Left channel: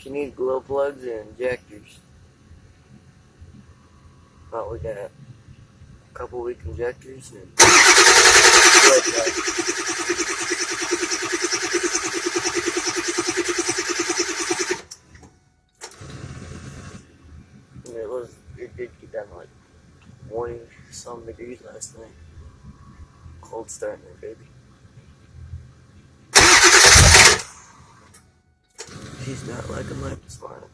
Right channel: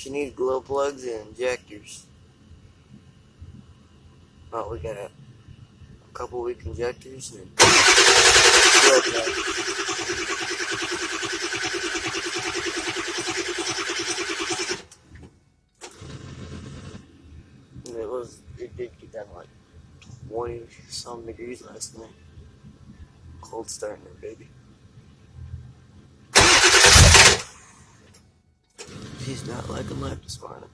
She needs glow plugs and injectors. Well, we got a couple weak injectors and glow plugs. And it did get down to like 20 some degrees last night. Cold starting there, baby. She's not liking life this morning.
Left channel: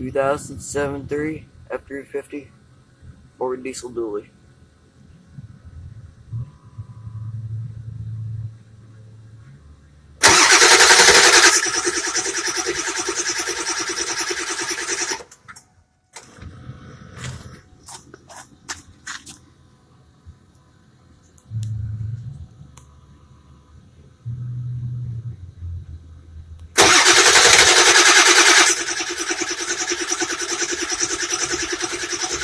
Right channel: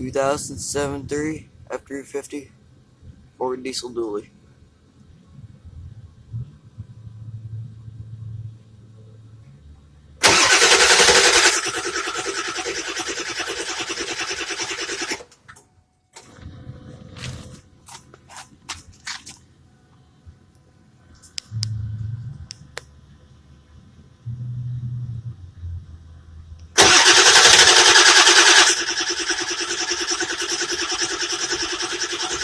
(2007) 3 f350 Ford Diesel dually.